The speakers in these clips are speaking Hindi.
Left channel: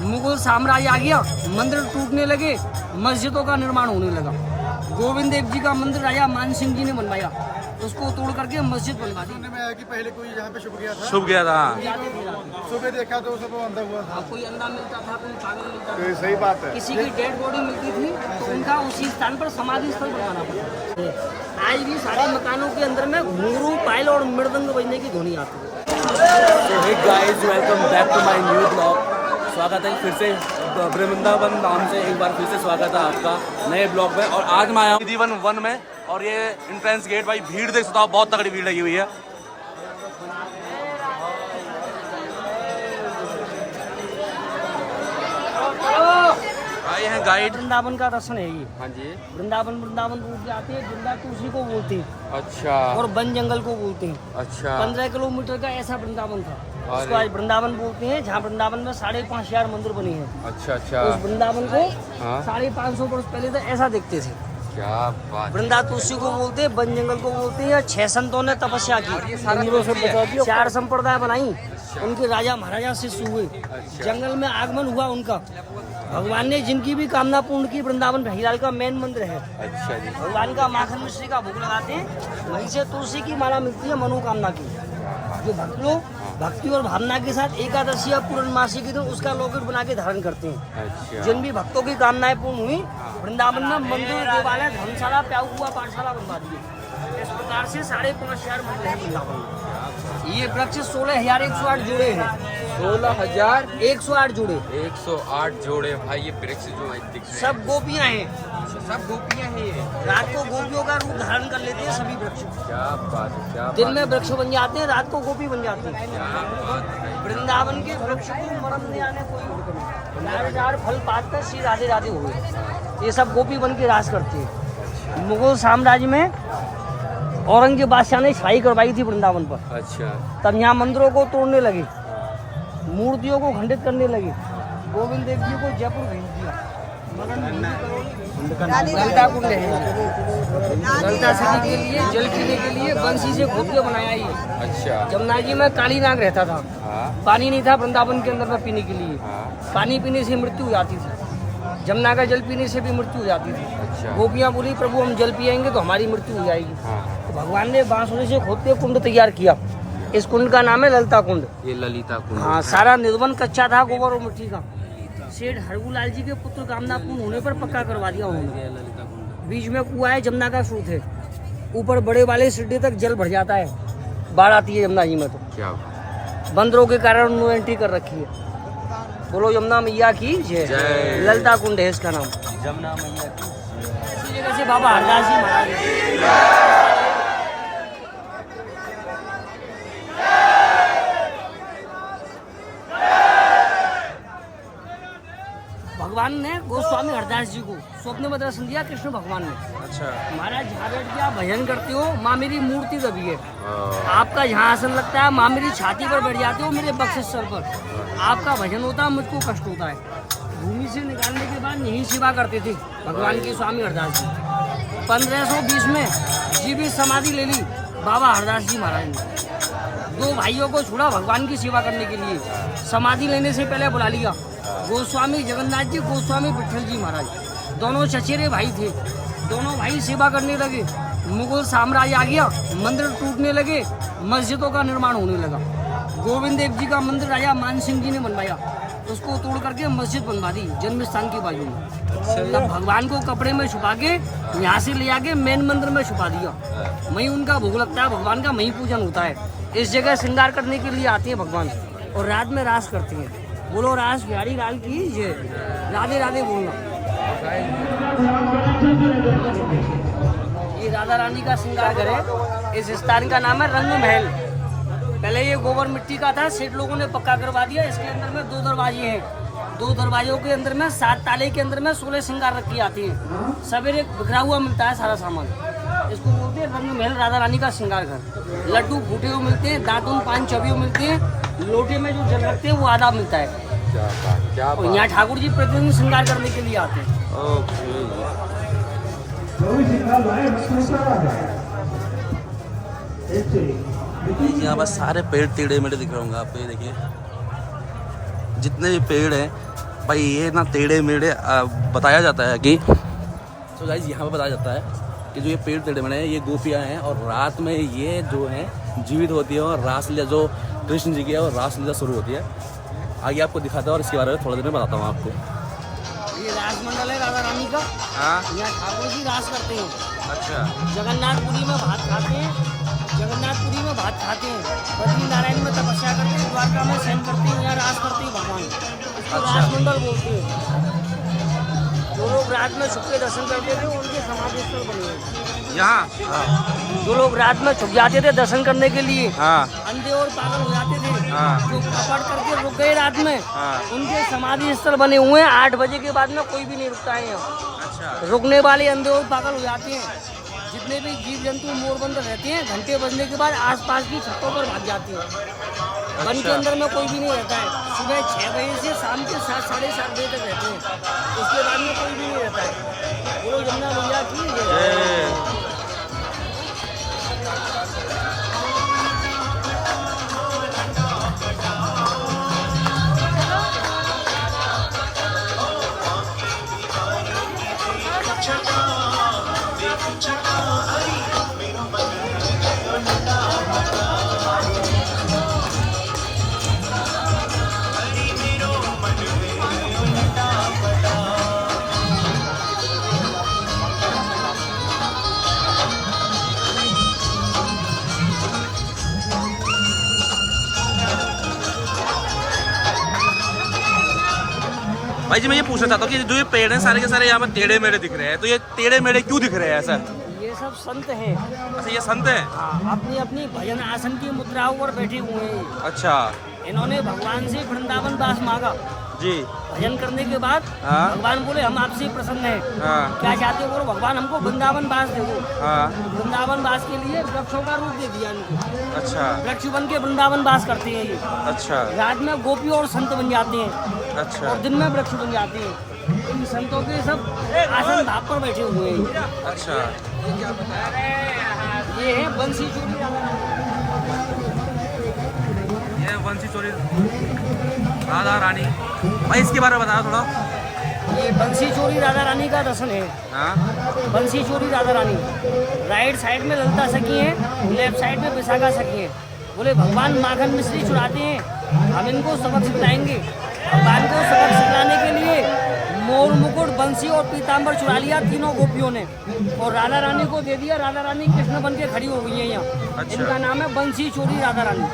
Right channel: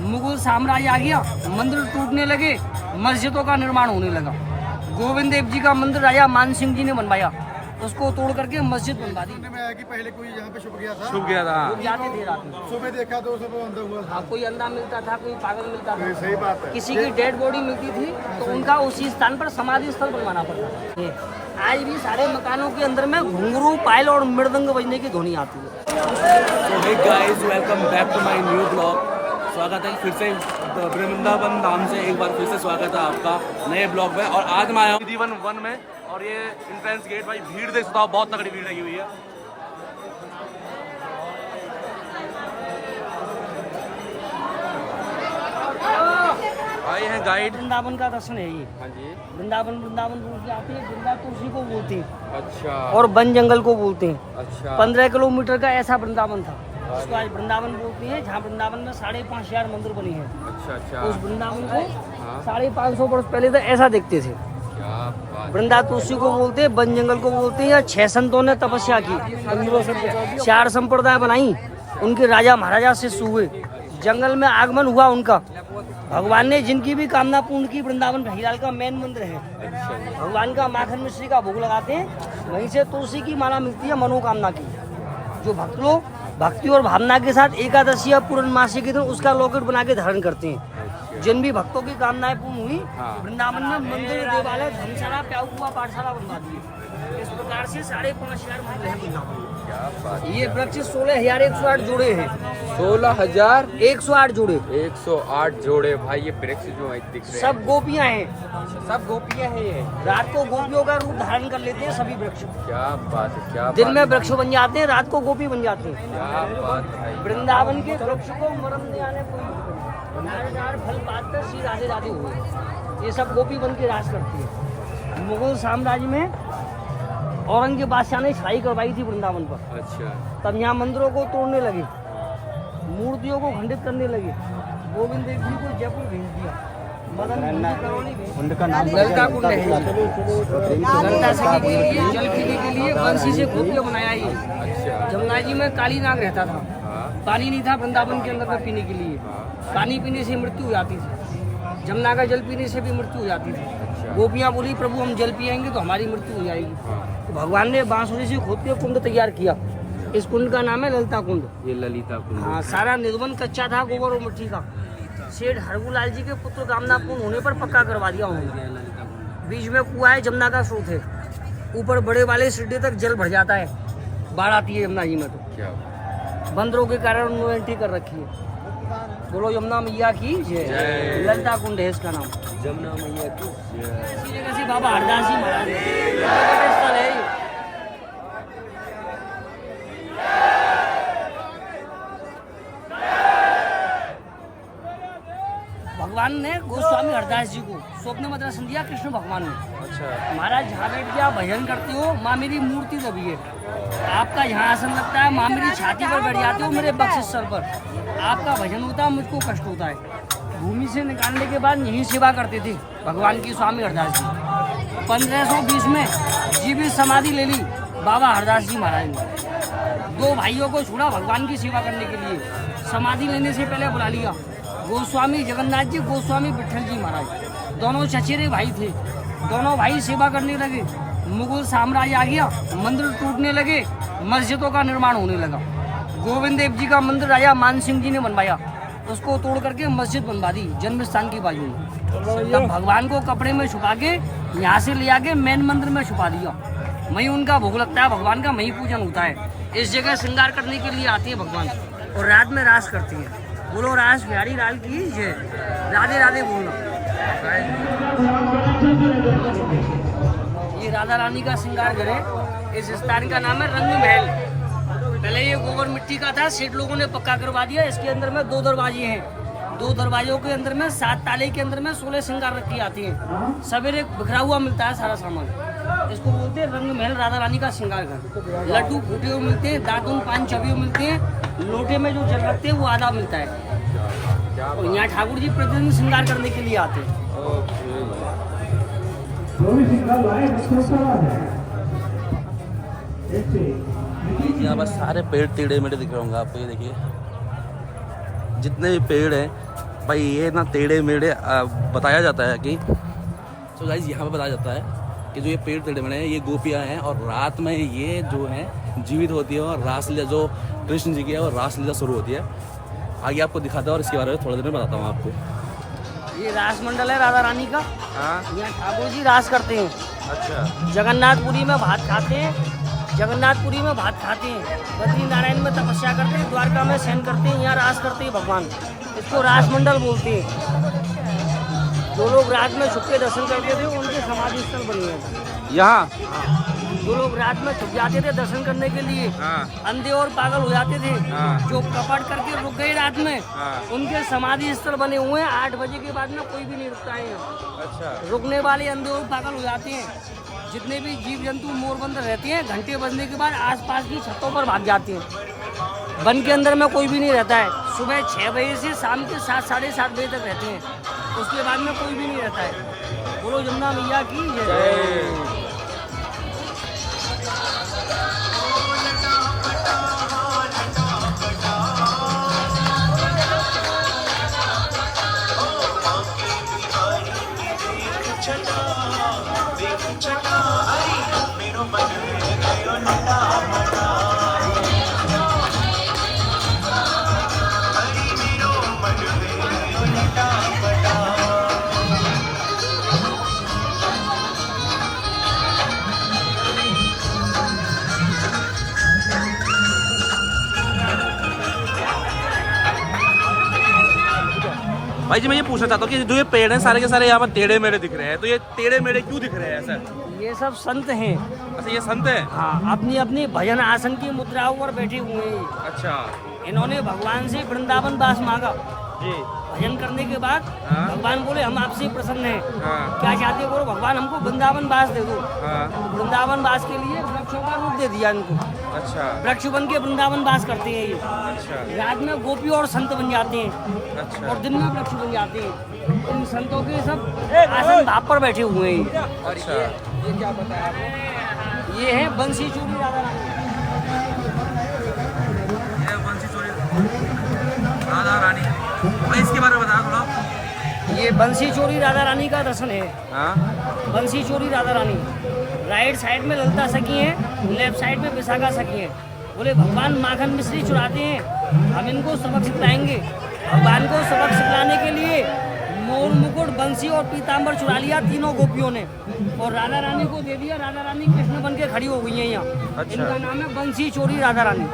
मुगल साम्राज्य आ गया, मंदिर टूटने लगे, मस्जिदों का निर्माण होने लगा। गोविंद देव जी का मंदिर राजा मान सिंह जी ने बनवाया, उसको तोड़ करके मस्जिद बनवा दी। में आया कि पहले कोई यहाँ पे छुप गया था, सुबह देखा तो सब अंदर हुआ था। कोई अंधा मिलता था, कोई पागल मिलता था, सही बात है। किसी की डेड बॉडी मिलती थी तो उनका उसी स्थान पर समाधि स्थल बनवाना पड़ता था। आज भी सारे मकानों के अंदर में घुंघरू, पायल और मृदंग बजने की ध्वनि आती है। तो hey guys, welcome back to my new blog. स्वागत है फिर से वृंदावन नाम से, एक बार फिर से स्वागत है आपका नए ब्लॉग में। और आज मैं आया हूँ जीवन 1 में, और ये एंट्रेंस गेट, भाई भीड़ देख सकता हूँ, बहुत तगड़ी भीड़ लगी हुई है। आए हैं गाइड। वृंदावन का दर्शन है ये। हाँ जी। वृंदावन बोल के आते हैं, वृंदा तुलसी को बोलते हैं। अच्छा। और वन जंगल को बोलते हैं। अच्छा। 15 किलोमीटर का ऐसा वृंदावन था, उसको आज वृंदावन बोलते हैं, जहाँ वृंदावन में 5,500 मंदिर बने हैं। अच्छा अच्छा। उस वृंदावन को 550 वर्ष पहले तो ऐसा देखते थे। क्या बात। वृंदा तुलसी को बोलते हैं, वन जंगल को बोलते हैं। 6 संतों ने तपस्या की, 4 संप्रदाय बनाई, उनके राजा महाराजा शिष्य हुए। जंगल में आगमन हुआ उनका, भगवान ने जिनकी भी कामना पूर्ण की। वृंदावन भैयाल का मेन मंदिर है। भगवान का माखन मिश्री का भोग लगाते हैं, वहीं से तुलसी की माला मिलती है मनोकामना की। जो भक्त लोग भक्ति और भावना के साथ एकादशी या पूर्णमासी के दिन उसका लॉकेट बना के धारण करते हैं। जिन भी भक्तों की कामनाएं पूर्ण हुई, वृंदावन में मंदिर, देवालय, धर्मशाला, प्याऊआ पाठशाला बनवा दी। इस प्रकार से 5,500 मंदिर है वृंदावन में। ये वृक्ष 16,108 जोड़े हैं। 16,108 जोड़े। 108 जोड़े भाई, ये वृक्ष जो है दिख रहे हैं। सब गोपियां हैं, सब गोपियां ही है। रात को गोपियों का रूप धारण कर लेते हैं सभी वृक्ष। क्या बात है, क्या दिन में वृक्ष बन जाते हैं, रात को गोपी बन जाती है। क्या बात है। वृंदावन के वृक्ष को मरम नहीं आने कोई नारेदार फल पात कर श्री राधे राधे हुए। ये सब गोपी बन के राज करते हैं। मुगल साम्राज्य में औरंगजेब बादशाह ने छाई करवाई थी वृंदावन पर। अच्छा। तब यहाँ मंदिरों को तोड़ने लगे, मूर्तियों को खंडित करने लगे। गोविंद देव जी को जयपुर भेज दिया। मदन ललिता कुंड है जी, ललिता सखी के लिए जल पीने के लिए बंसी से खोद के बनाया ये। अच्छा। जमुना जी में काली नाग रहता था, पानी नहीं था वृंदावन के अंदर में पीने के लिए। पानी पीने से मृत्यु हो जाती थी, जमुना का जल पीने से भी मृत्यु हो जाती थी। अच्छा। गोपियाँ बोली प्रभु हम जल पिएंगे तो हमारी मृत्यु हो जाएगी। तो भगवान ने बांसुरी से खोद के कुंड तैयार किया। इस कुंड का नाम है ललिता कुंड। ये ललिता कुंड। हाँ, सारा निर्बंध कच्चा था, गोबर और मिट्टी का। सेठ हरगुलाल जी के पुत्र कामना पूर्ण होने पर पक्का करवा दिया उन्होंने। बीच में कुआं है, जमुना का स्रोत है। ऊपर बड़े वाले सिड्डे तक जल भर जाता है, बाढ़ आती है जमुना जी में। तो क्या बंदरों के कारण उन्होंने एंट्री कर रखी है। बोलो यमुना मैया की जय। ललिता कुंड है इसका नाम, जमुना मैया की। बाबा हरदास जी महाराज। भगवान ने गोस्वामी हरदास जी को स्वप्न में दर्शन दिया, कृष्ण भगवान ने। अच्छा। महाराज जहाँ बैठ के आप भजन करते हो, माँ मेरी मूर्ति दबी है। आपका जहाँ आसन लगता है, माँ मेरी छाती पर बैठ जाते हो, मेरे बक्षस्थल पर। आपका भजन होता है, मुझको कष्ट होता है। भूमि से निकालने के बाद यही सेवा करते थे भगवान की स्वामी हरदास जी। 1520 में जीवित समाधि ले ली बाबा हरदास जी महाराज ने। 2 भाइयों को छोड़ा भगवान की सेवा करने के लिए। समाधि लेने से पहले बुला लिया गोस्वामी जगन्नाथ जी, गोस्वामी विठल जी महाराज। दोनों चचेरे भाई थे। दोनों भाई सेवा करने लगे। मुगल साम्राज्य आ गया, मंदिर टूटने लगे, मस्जिदों का निर्माण होने लगा। गोविंद देव जी का मंदिर राजा मान सिंह जी ने बनवाया, उसको तोड़ करके मस्जिद बनवा दी जन्म स्थान की बाजू में। तब भगवान को कपड़े में छुपा के यहाँ से ले आके मेन मंदिर में छुपा दिया। वहीं उनका भोग लगता है, भगवान का वहीं पूजन होता है। इस जगह श्रृंगार करने के लिए आते हैं भगवान, और रात में रास करते हैं। बोलो रास बिहारी लाल की जय। राधे राधे बोलना। ये राधा रानी का श्रृंगार घर है। इस स्थान का नाम है रंग महल। पहले ये गोबर मिट्टी का था, सेठ लोगों ने पक्का करवा दिया। इसके अंदर में 2 दरवाजे हैं। 2 दरवाजों के अंदर में 7 ताले के अंदर में 16 श्रृंगार रखी आती है। सवेरे बिखरा हुआ मिलता है सारा सामान। इसको बोलते हैं रंग महल, राधा रानी का श्रृंगार घर। लड्डू फूटे हुए मिलते हैं, दातून 5 चबियों मिलते हैं। लोटे में जो जल रखते हैं वो आधा मिलता है। और यहाँ ठाकुर जी प्रतिदिन श्रृंगार करने के लिए आते हैं। यहाँ पर सारे पेड़ टेढ़े मेढ़े दिख रहे होंगे आपको। ये देखिए, जितने भी पेड़ हैं भाई ये ना टेढ़े मेढ़े बताया जाता है कि तो गाइस यहाँ पे बताया जाता है कि जो ये पेड़ टेढ़े मेढ़े हैं ये गोपियाँ हैं और रात में ये जो है जीवित होती है और रासलीला जो कृष्ण जी की है और रासलीला शुरू होती है। आगे आपको दिखाता है और इसके बारे में थोड़ी देर में बताता हूँ आपको। ये रास मंडल है राधा रानी का। हाँ यहाँ ठाकुर जी रास करते हैं। अच्छा जगन्नाथपुरी में भात खाते हैं, जगन्नाथपुरी में भात खाते हैं, बद्री नारायण में तपस्या करते हैं, द्वारका में शयन करते हैं, यहाँ रास करते हैं भगवान। इसको अच्छा। रास मंडल बोलते हैं। जो लोग रात में छुप के दर्शन करते हैं उनकी समाधि स्थल बनी है। यहाँ जो लोग रात में छुप जाते थे दर्शन करने के लिए, हाँ अंधे और पागल हो जाते थे, हाँ। जो कपट करके रुक गए रात में, हाँ। उनके समाधि स्थल बने हुए हैं। 8 बजे के बाद में कोई भी नहीं रुकता है यहाँ। अच्छा रुकने वाले अंधे और पागल हो जाते हैं। जितने भी जीव जंतु मोरबंद रहते हैं घंटे बजने के बाद आसपास की छतों पर भाग जाते हैं। वन के अंदर में कोई भी नहीं रहता है। सुबह 6 बजे से शाम के 7 साढ़े 7 बजे तक रहते हैं। उसके बाद में कोई भी नहीं रहता है। बोलो जमुना मैया की जय। भाई जी मैं ये पूछना चाहता हूँ कि जो ये पेड़ हैं सारे के सारे यहाँ पर टेढ़े मेढ़े दिख रहे हैं, तो ये टेढ़े मेढ़े क्यों दिख रहे हैं ऐसा? ये सब संत हैं। अच्छा ये संत हैं? अपनी अपनी भजन आसन की मुद्राओं पर बैठे हुए हैं। अच्छा इन्होंने भगवान से वृंदावन वास मांगा। जी भजन करने के बाद हाँ। भगवान बोले हम आपसे प्रसन्न हैं। हाँ क्या चाहते हो? बोलो भगवान हमको वृंदावन वास दे दो। हाँ तो वृंदावन वास के लिए वृक्षों का रूप दे दिया इनको। अच्छा वृक्ष बन के वृंदावन वास करते हैं ये। अच्छा रात में गोपी और संत बन जाते हैं अच्छा और दिन में वृक्ष बन जाते हैं। इन संतों के सब आसन भाव पर बैठे हुए हैं। अच्छा ये है बंसी चूड़ी। ये बंसी चोरी राधा रानी। भाई इसके बारे में बताओ थोड़ा। ये बंसी चोरी राधा रानी का दर्शन है। हाँ बंसी चोरी राधा रानी। राइट साइड में ललिता सखी है, लेफ्ट साइड में विशाखा सखी है। बोले भगवान माखन मिश्री चुराते हैं, हम इनको सबक सिखलाएंगे। भगवान को सबक सिखलाने के लिए मोर मुकुट बंसी और पीताम्बर चुरा लिया तीनों गोपियों ने और राधा रानी को दे दिया। राधा रानी कृष्ण बन के खड़ी हो गई है यहाँ। अच्छा। इनका नाम है बंसी चोरी राधा रानी।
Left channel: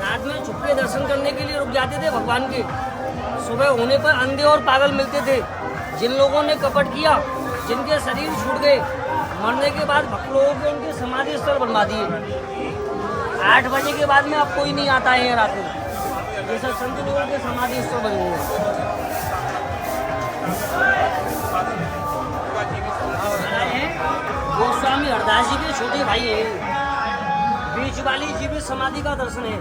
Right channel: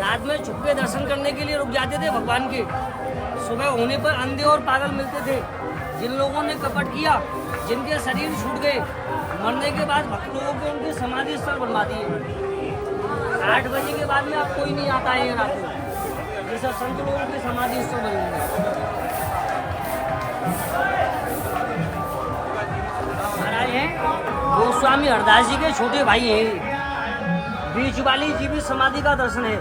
रात में छुप के दर्शन करने के लिए रुक जाते थे भगवान के। सुबह होने पर अंधे और पागल मिलते थे। जिन लोगों ने कपट किया, जिनके शरीर छूट गए, मरने के बाद भक्त लोगों के उनके समाधि स्थल बनवा दिए। 8 बजे के बाद में अब कोई नहीं आता है रात में। ये सब संत लोगों के समाधि स्थल बने हुए हैं। महाराज हैं गोस्वामी हरदास जी के छोटे भाई है। बीच वाली जीवित समाधि का दर्शन है।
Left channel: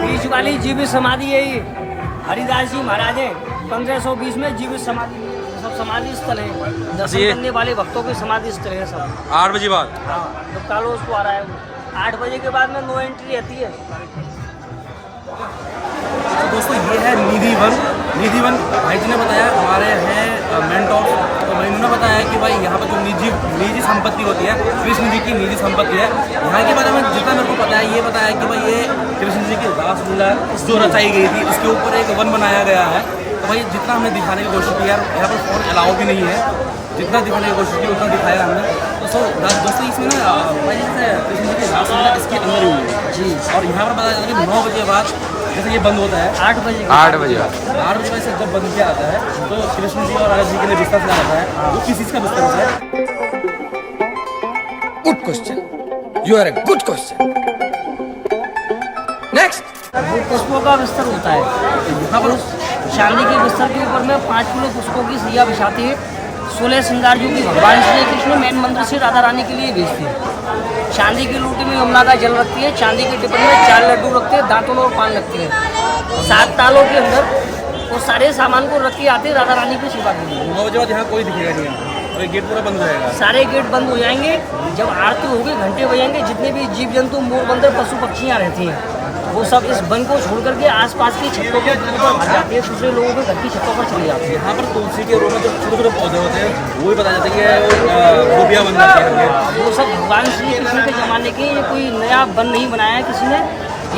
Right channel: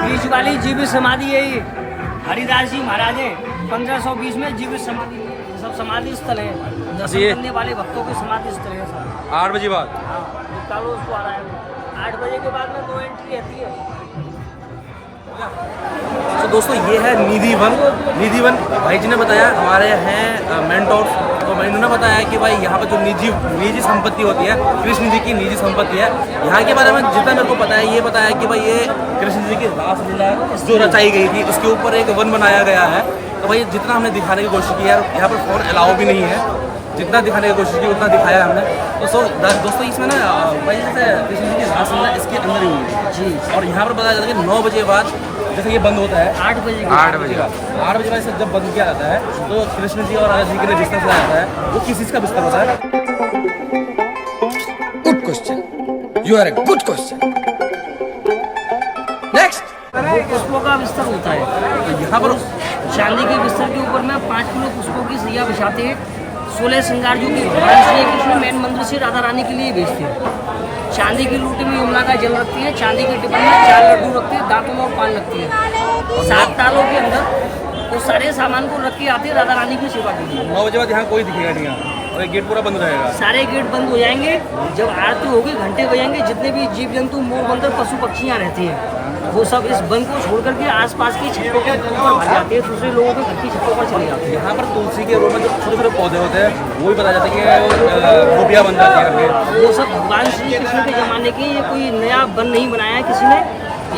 बीच वाली जीवित समाधि है ये। हरिदास जी महाराज हैं 1520 में जीवित समाधि। सब समाधि स्थल है। दर्शन करने वाले भक्तों की समाधि स्थल है सब। 8 बजे बाद हाँ तो कालो उसको आ रहा है। 8 बजे के बाद में नो एंट्री रहती है। तो दोस्तों ये है निधि वन। निधि वन भाई जी ने बताया हमारे हैं मेंटोर। तो मैं इन्होंने बताया कि भाई यहाँ पर जो निजी संपत्ति होती है कृष्ण जी की निजी संपत्ति है। यहाँ के बारे में जितना मेरे को पता है ये बताया कि भाई ये कृष्ण जी की रासलीला जो रचाई गई थी उसके ऊपर एक वन बनाया गया है। तो भाई जितना हमने दिखाने की कोशिश की यार, यहाँ पर फ़ोन अलाउ भी नहीं है। जितना दिखाने की कोशिश की उतना दिखाया हमने। तो दोस्तों इसमें ना भाई जैसे कृष्ण जी की रासलीला इसके अंदर ही हुई है जी। और यहाँ पर बताया जाता है कि 9 बजे बाद जैसे ये बंद होता है 8 बजे 8 बजे बाद से जब बंद किया जाता है तो कृष्ण जी और राधा जी के लिए बिस्तर चलाया जाता है। वो किस चीज़ का बिस्तर होता है? Good question. You are a good question. Next. वो पुष्पों का बिस्तर होता है। तो यहाँ पर चांदी के बिस्तर के ऊपर में 5 किलो पुष्पों की सैया बिछाते हैं। 16 श्रृंगार जो कि भगवान श्री कृष्ण मेन मंदिर से राधा रानी के लिए भेजते हैं। चांदी की लोटे में यमुना का जल रखती है, चांदी के टिफिन में 4 लड्डू रखते हैं, दांतों में और पान रखते हैं। 7 तालों के अंदर वो सारे सामान को रख के आते हैं राधा रानी की सेवा के लिए। 9 बजे बाद यहाँ कोई दिखेगा नहीं यहाँ और ये गेट पूरा बंद हो जाएगा। सारे गेट बंद हो जाएंगे। जब आरती होगी घंटे बजेंगे, जितने भी जीव जंतु मोर बंदर पशु पक्षियाँ रहती हैं वो सब इस वन को छोड़ करके आसपास की छतों के ऊपर भर जाते हैं, दूसरे लोगों के घर की छतों पर चले जाती है। यहाँ पर तुलसी के रूप में जो छोटे छोटे पौधे होते हैं वो भी पता जाता है कि वो गोपियाँ बन जाती हैं। वो सब भगवान श्री कृष्ण के जमाने के, ये कोई नया वन नहीं बनाया है किसी ने।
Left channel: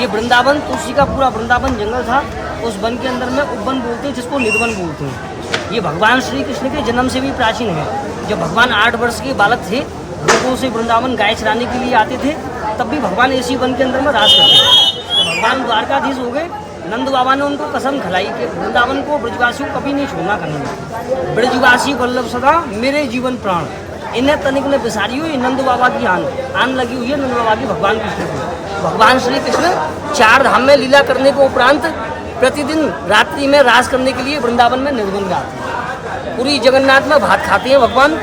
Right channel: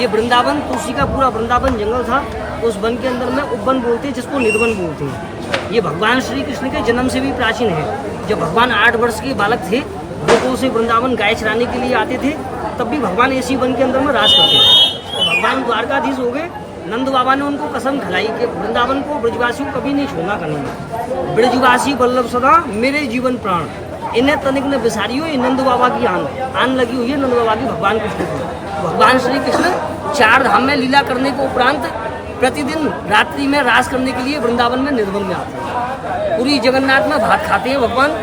ये वृंदावन, तुलसी का पूरा वृंदावन जंगल था, उस वन के अंदर में उपवन बोलते हैं, जिसको निधवन बोलते हैं। ये भगवान श्री कृष्ण के जन्म से भी प्राचीन है। जब भगवान 8 वर्ष के बालक थे, गोकुल से वृंदावन गाय चराने के लिए आते थे, तब भी भगवान इसी वन के अंदर में राज करते थे। तो भगवान द्वारकाधीश हो गए, नंद बाबा ने उनको कसम खिलाई कि वृंदावन को ब्रजवासियों को कभी नहीं छोड़ना करना। ब्रजवासी वल्लभ सदा मेरे जीवन प्राण, इन्हें तनिक में बिसारी हो। ये नंद बाबा की आन लगी हुई है, नंद बाबा की भगवान कृष्ण की। भगवान श्री कृष्ण 4 धाम में लीला करने के उपरांत प्रतिदिन रात्रि में रास करने के लिए वृंदावन में निर्वन में आते हैं। पूरी जगन्नाथ में भात खाते हैं भगवान,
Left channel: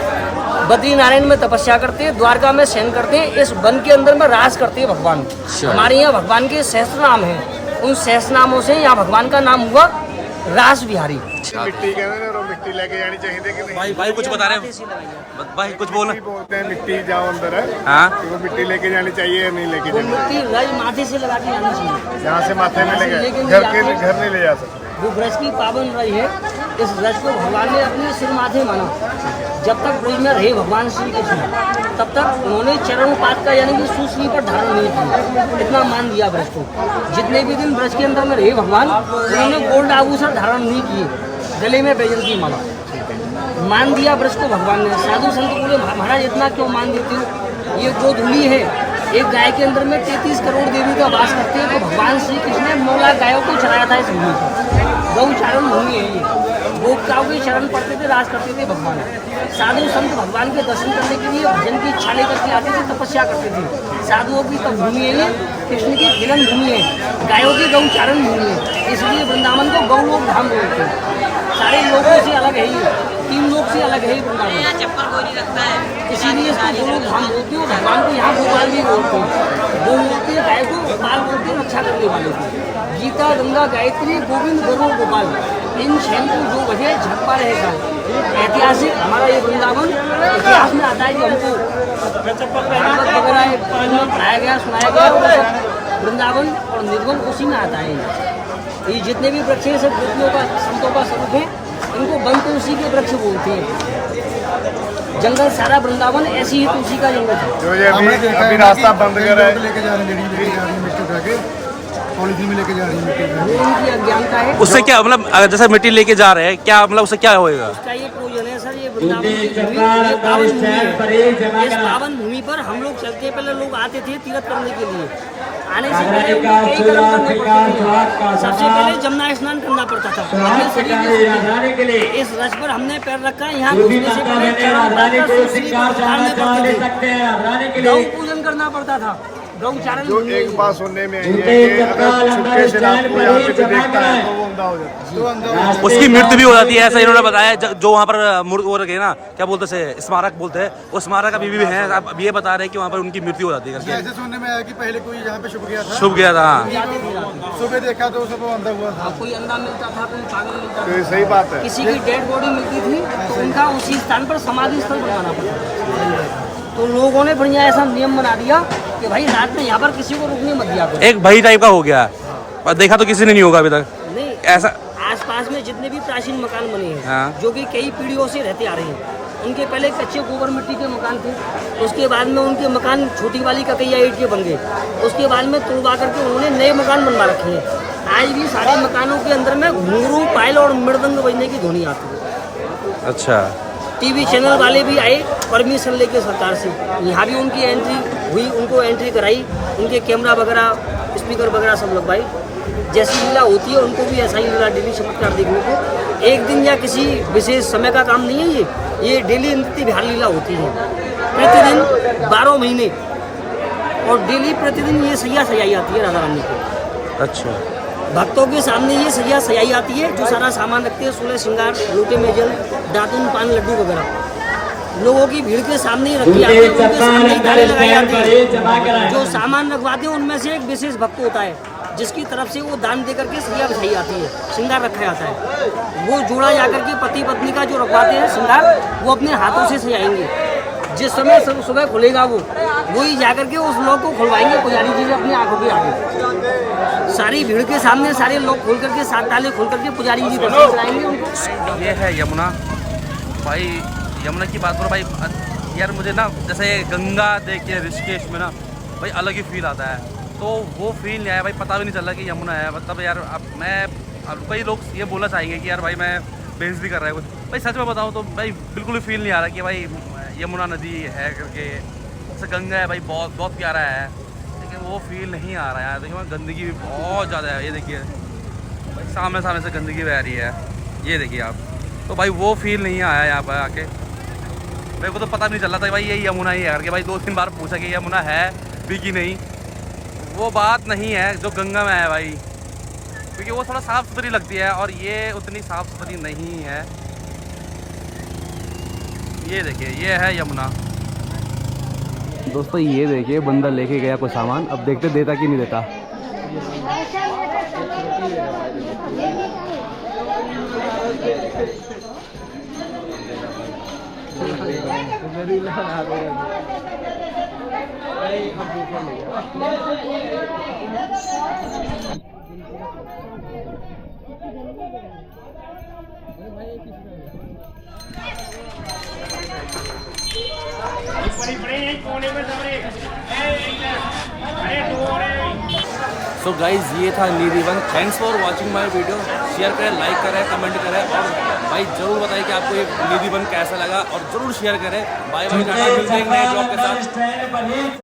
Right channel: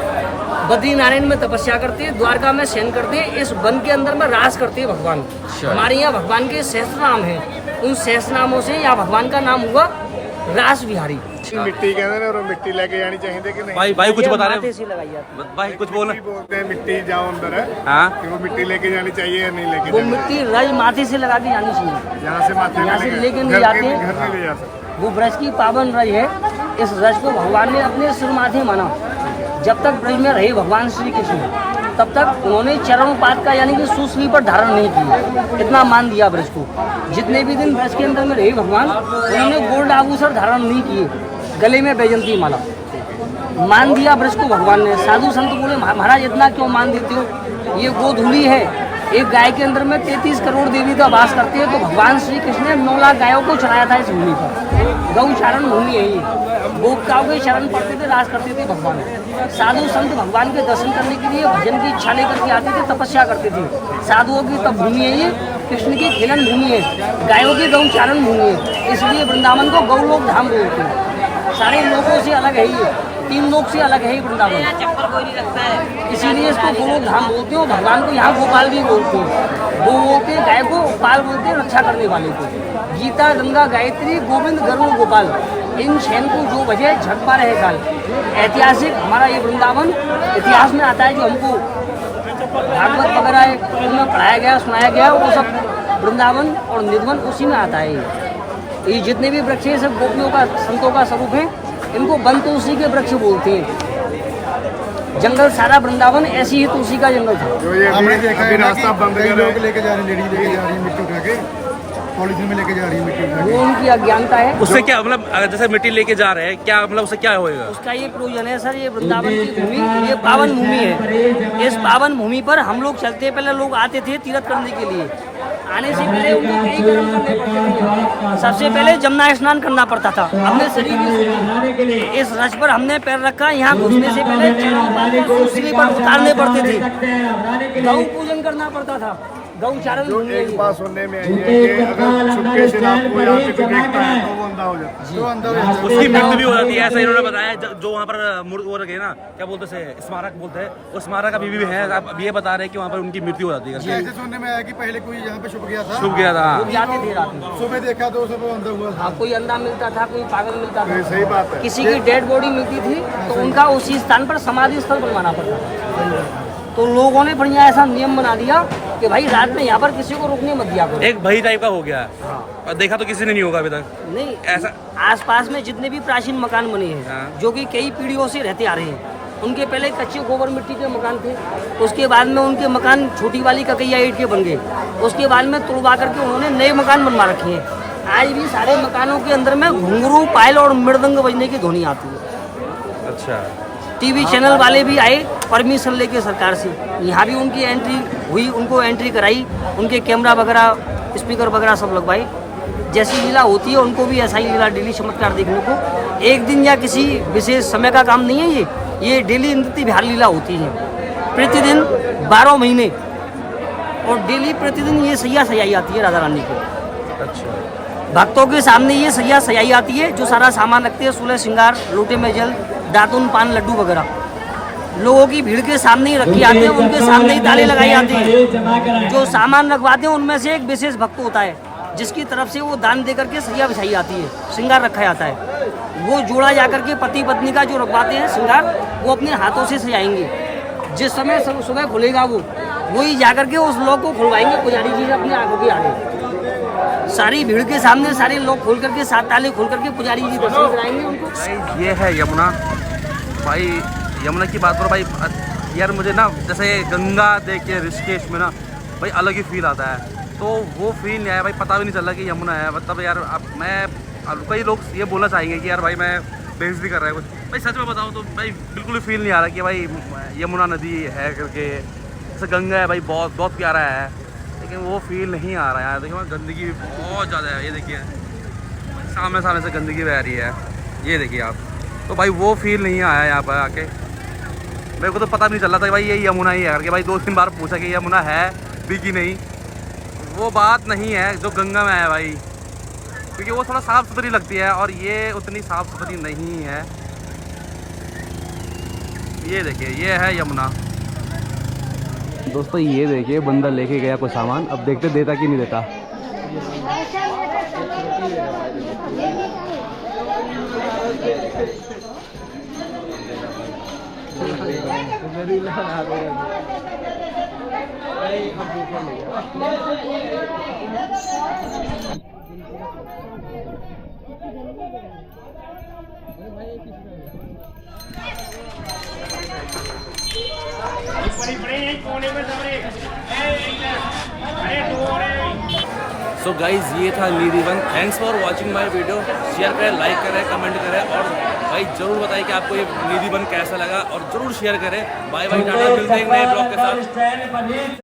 बद्री नारायण में तपस्या करते हैं, द्वारका में शयन करते हैं, इस वन के अंदर में रास करते हैं भगवान। हमारे यहाँ भगवान के सहस्त्र नाम हैं, उन सहस्त्र नामों से यहाँ भगवान का नाम हुआ रास बिहारी। मिट्टी कहते हैं और मिट्टी लेके जानी चाहिए कि नहीं? भाई कुछ बता रहे भाई, कुछ बोल बोलते हैं मिट्टी जाओ अंदर है। हाँ, वो मिट्टी लेके जानी चाहिए या नहीं लेके जानी चाहिए? मिट्टी रज माथे से लगा के जानी चाहिए। यहाँ से माथे यहाँ से में लेके नहीं घर जाते। नहीं ले जा सकते। वो ब्रज की पावन रज है, इस रज को भगवान ने अपने सिर माथे माना। जब तक ब्रज में रहे भगवान श्री कृष्ण, तब तक उन्होंने चरणोपात का यानी कि सुश्री पर धारण नहीं किया, इतना मान दिया ब्रज को। जितने भी दिन ब्रज के अंदर में रहे भगवान, उन्होंने गोल्ड आभूषण धारण नहीं किए, गले में बैजंती माला मान दिया ब्रज को भगवान ने। साधु संत बोले महाराज इतना क्यों मान देते हो, ये गोधूली है। एक गाय के अंदर में 33 करोड़ देवी का वास करते हैं। तो भगवान श्री कृष्ण ने 9 लाख गायों को चराया था इस भूमि पर। गौचारण भूमि है ये, गोपिकाओं के शरण पड़ते थे, राज करते थे भगवान। साधु संत भगवान के दर्शन करने के लिए भजन की इच्छा लेकर के आते थे, तपस्या करते थे। साधुओं की तब भूमि है ये, कृष्ण की खेलन भूमि है, गायों की गौचारण भूमि है। इसलिए वृंदावन को गौलोक धाम बोलते हैं। सारे लोगों से अलग है ये, 3 लोक से अलग है ये वृंदावन, इसीलिए इसको गोलोक धाम बोलते हैं। भगवान को यहाँ गोपाल भी बोलते हैं। गो बोलते हैं गाय को, पाल बोलते हैं रक्षा करने वाले को। गीता, गंगा, गायत्री, गोविंद, गरुड़, गोपाल, इन 6 को जो बजे झटपा रहे काल। ऐतिहासिक हमारा ये वृंदावन इतिहास में आता है जो हमको भागवत वगैरह उनमें पढ़ाया गया, सुनाया गया, वो सब वृंदावन और निधवन उसी में आता है। ये जितने भी वृक्ष हैं सब गोपियों का, संतों का स्वरूप है। इनको वन तुलसी के वृक्ष बोलते हैं। जंगल सारा वृंदावन ऐसी ही तुलसी का जंगल था। हमने देखा है रास्ता बंद कर लोग लेके जा रहे हैं, लेडी लेके जा रही है मिट्टी उठा के, पॉलिथीन में लेके जा रही है मिट्टी उठा वो उनकी अज्ञानता है। उससे क्या मतलब, जैसे मिट्टी लेके जा रहे हैं, क्या मतलब उससे क्या होएगा? उसका ये प्रयोजन है सर, ये वृंदावन की भूमि, ये पावन भूमि है। इस पावन भूमि पर हम लोग चलते, पहले लोग आते थे तीर्थ करने के लिए। आने से पहले उनको कई कर्म करने पड़ते थे। सबसे पहले जमुना स्नान करना पड़ता था अपने शरीर के। इस रज पर हमने पैर रखा, यहाँ घुसने से पहले चरणोपात का सुश्री पर उतारने पड़ते थे। गौ पूजन करना पड़ता था। गौचारण भूमि है ये। सुनने में छुपके से आपको यहाँ पे देखता है तो वो अंधा हो जाता है, तो अंधा हो जाता है। उसकी मृत्यु भी हो जाती है, ऐसा इन्होंने बताया। जो वहाँ पर वो रखे ना, क्या बोलते हैं, स्मारक बोलते हैं, वो स्मारक अभी भी है। अब ये बता रहे हैं कि वहाँ पर उनकी मृत्यु हो जाती है करके। ऐसे सुनने में आया कि पहले कोई यहाँ पे छुप गया था, छुप गया था। जाते थे रात में। सुबह देखा तो सब अंधा हुआ था। कोई अंधा मिलता था, कोई पागल मिलता तो था। सही बात है। किसी की डेड बॉडी मिलती थी तो उनका उसी स्थान पर समाधि स्थल बनवाना पड़ता। तो लोगों ने बढ़िया ऐसा नियम बना दिया कि भाई रात में यहाँ पर किसी को रुकने मत दिया करो। एक भई टाइप का हो गया, और देखा तो किसी ने नहीं होगा अभी तक। नहीं, ऐसा आसपास में जितने भी प्राचीन मकान बने हैं, हाँ। जो कि कई पीढ़ियों से रहते आ रहे हैं, उनके पहले कच्चे गोबर मिट्टी के मकान थे। उसके बाद में उनके मकान छोटी वाली ककैया ईंट के बन गए। उसके बाद में तुड़वा करके उन्होंने नए मकान बनवा रखे हैं। आज भी सारे मकानों के अंदर में घुंघरू, पायल और मृदंग बजने की ध्वनि आती है। अच्छा, टीवी चैनल वाले भी आए परमिशन लेके सरकार से, यहाँ भी उनकी एंट्री हुई, उनको एंट्री कराई, उनके कैमरा वगैरह, स्पीकर वगैरह सब लगवाई। जैसी लीला होती है उनको भी ऐसा ही लीला डेली चमत्कार देखने को। एक दिन या किसी विशेष समय का काम नहीं है ये डेली नृत्य विहार लीला होती है प्रतिदिन 12 महीने, और डेली प्रतिदिन ये सैया सजाई आती है राधा रानी को। अच्छा, भक्तों के सामने ये सैया सजाई आती है, जो सारा सामान रखती है, 16 श्रृंगार, लोटे में जल, दातुन, पान, लड्डू वगैरह, लोगों की भीड़ के सामने ही रखी जाती है, उनके सामने ही ताले लगाई जाती है। जो सामान रखवाते हैं उनमें से एक विशेष भक्त होता है जिसकी तरफ से वो दान दे करके सैया बिछाई जाती है, श्रृंगार रखा जाता है। वो जोड़ा जाकर के पति पत्नी का जो रखवाते हैं श्रृंगार, वो अपने हाथों से सजाएंगे। जिस समय सुबह खुलेगा वो ही जाकर के उस लोग को खुलवाएंगे पुजारी जी अपनी आंखों के आगे। सारी भीड़ के सामने सारे लोग खोल करके, 7 ताले खोल करके पुजारी जी दर्शन कराएंगे उनको। ये है यमुना भाई। यमुना की बात करो भाई यार, मुझे ना जैसे गंगा देख के ऋषिकेश में ना भाई अलग ही फील आता है, तो वो फील नहीं आया भाई। पता भी नहीं चला कि यमुना है। मतलब यार अब कई लोग ये बोलना चाहेंगे कि यार भाई मैं बेइज्जती कर रहा है कुछ, भाई सच में बताओ तो भाई बिल्कुल भी फील नहीं आ रहा कि भाई यमुना नदी है करके। जैसे गंगा है भाई, बहुत बहुत प्यारा है, लेकिन वो फील नहीं आ रहा है यार। देखिए गंदगी भी बहुत ज़्यादा है, ये देखिए सामने से गंदगी बह रही है, ये देखिए आप। तो भाई वो फील नहीं आया यहाँ पर आके। मेरे को तो पता भी नहीं चल रहा था भाई ये यमुना ही है करके। भाई 2-3 बार पूछा कि यमुना है भी कि नहीं, वो बात नहीं है जो गंगा में है भाई, क्योंकि वो थोड़ा साफ़ सुथरी लगती है और ये उतनी साफ़ सुथरी नहीं है। ये देखिए ये है यमुना। दोस्तों ये देखिए बंदा लेके गया कोई सामान, अब देखते देता कि नहीं देता। सो गाइज ये था Nidhi one. Thanks for watching my video. Share करें, लाइक करें, कमेंट करें और भाई ज़रूर बताइए कि आपको ये निधि वन कैसा लगा और ज़रूर शेयर करें। बाय बाय, टाटा, मिलते हैं एक नए ब्लॉग के साथ।